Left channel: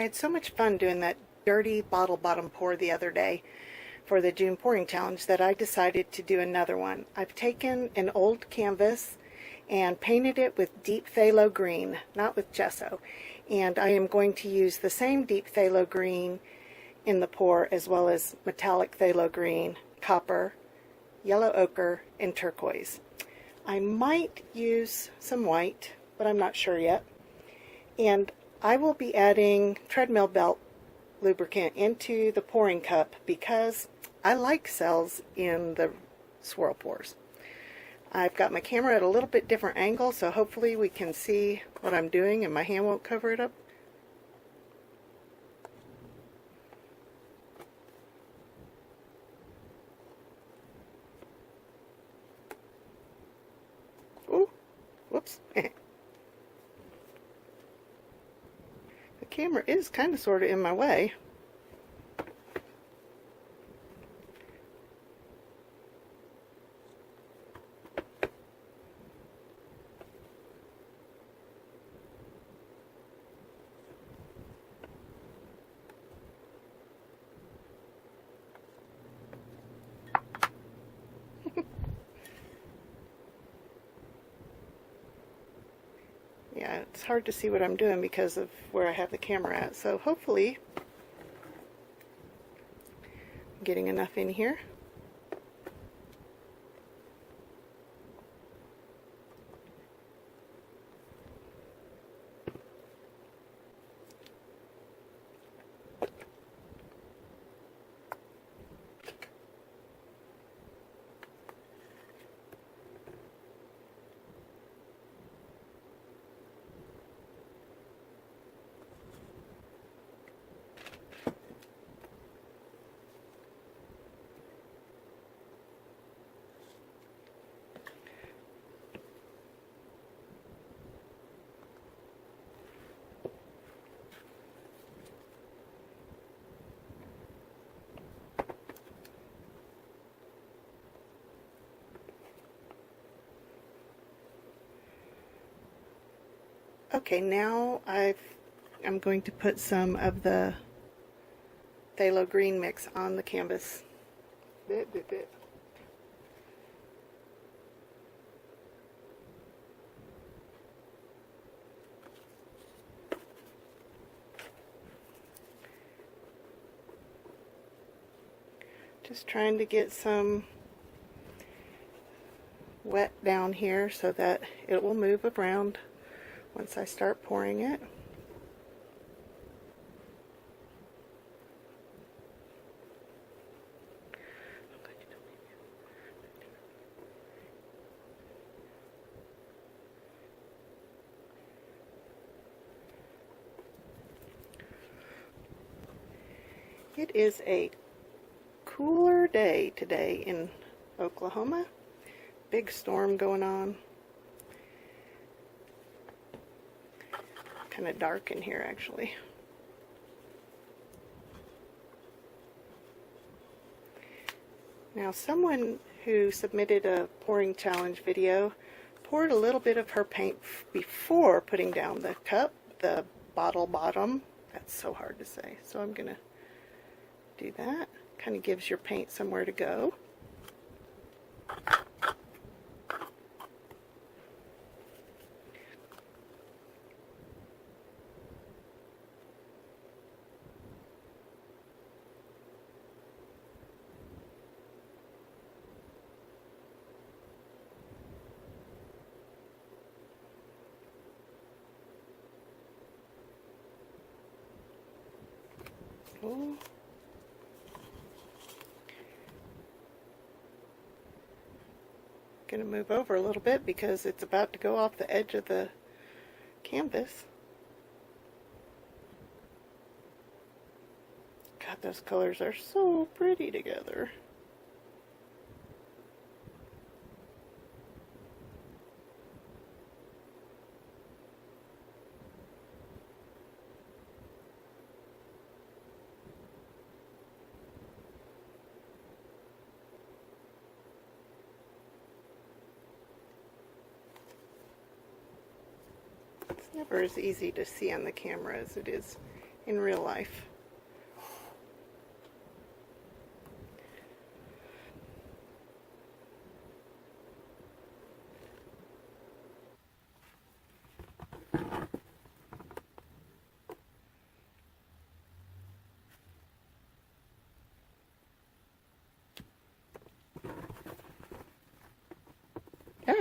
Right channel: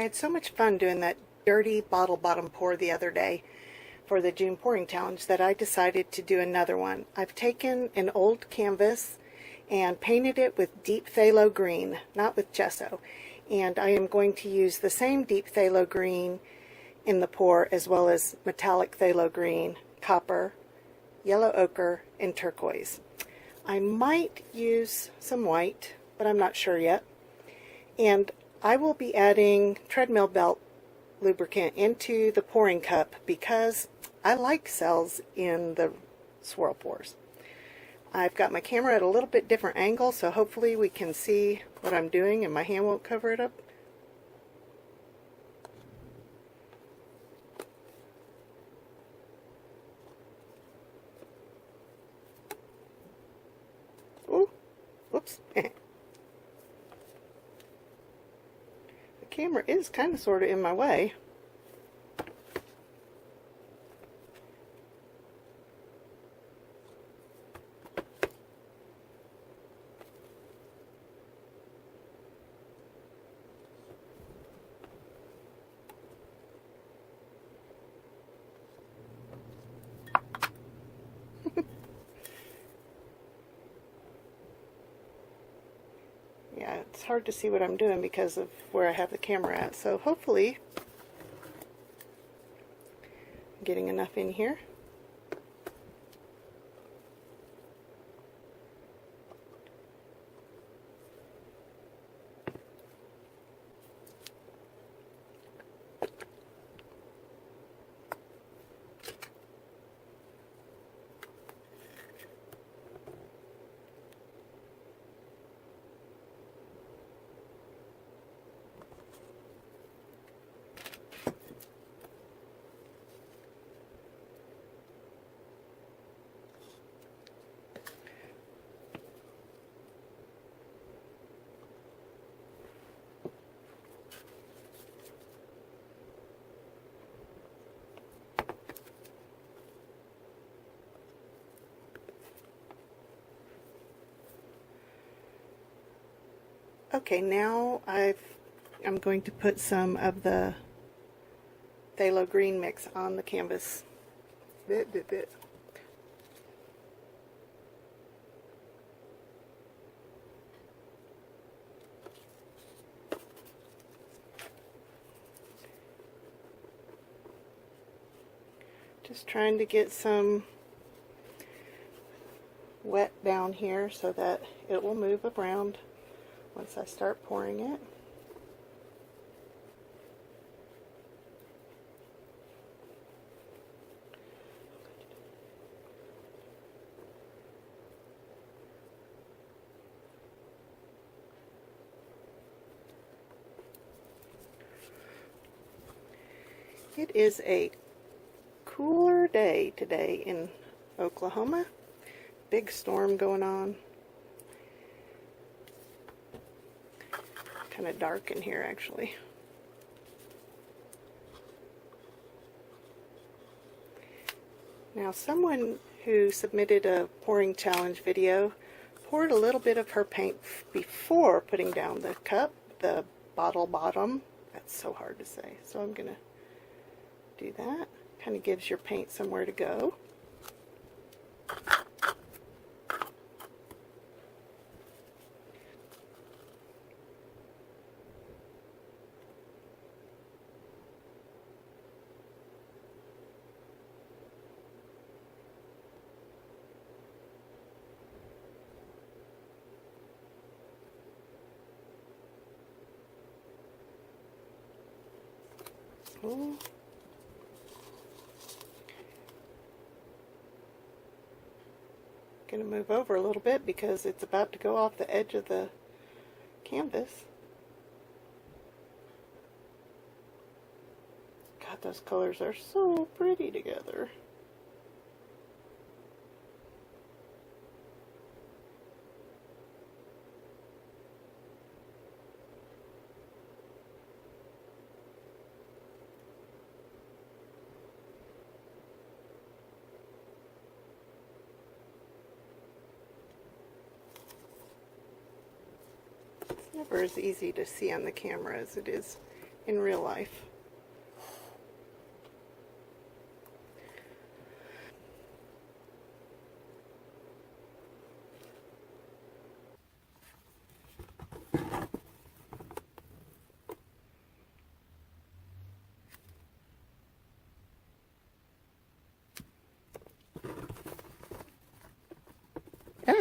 I had so much fun doing that dirty bottle bottom pour the other day for the June pouring challenge that I decided to do another one. I've taken an old canvas and painted it with deep phthalo green, not with gesso. And I am going to use the same deep phthalo green in the pour as well as metallic phthalo green, copper, yellow ochre, and turquoise. I might use some white, but I'm not sure yet. And I will be adding treadmill belt lubricant into the pouring cup because I like cells in the swirl pours. I've got my camera at a little bit different angle, so hopefully we can see what I'm doing and my hand won't cover it up. Oh, whoops. The camera is kind of sort of in my way. Yeah, it's hard to see what I'm doing because of where I have the camera at. So hopefully I'm getting enough in here. Okay, now I'm going to put some of the phthalo green mix on the canvas. Bit. Just trying to get some wet down here so that it will move around once I start pouring it. It is a cooler day today in Oklahoma. Big storm going on. Kind of dark in here actually. Now someone who submitted a pouring challenge video poured a little bit of her paint before putting down the cup, the bottle bottom. That's so hard to say. So I'm gonna do that. Kind of gives your paint somewhere to go. Ooh. Going to move over a little bit because it's about to go off the edge of the canvas. God, those colors are so pretty together. Never as easy to see on the camera as it is in real life. Ah.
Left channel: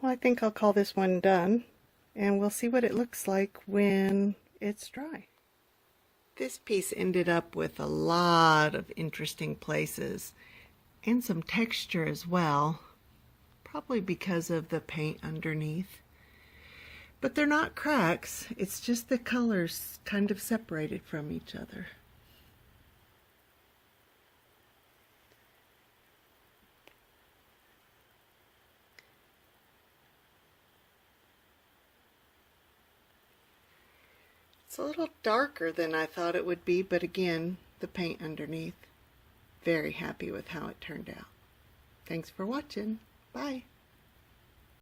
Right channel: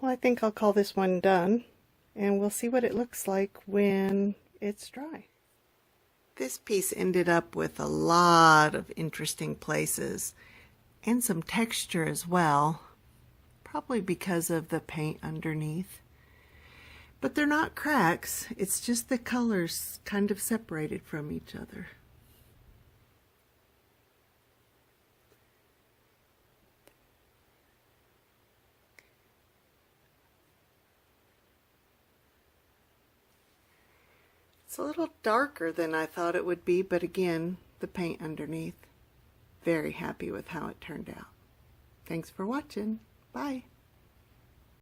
Well, I think I'll call this one done, and we'll see what it looks like when it's dry. This piece ended up with a lot of interesting places and some texture as well, probably because of the paint underneath. But they're not cracks, it's just the colors kind of separated from each other. It's a little darker than I thought it would be, but again, the paint underneath. Very happy with how it turned out. Thanks for watching. Bye.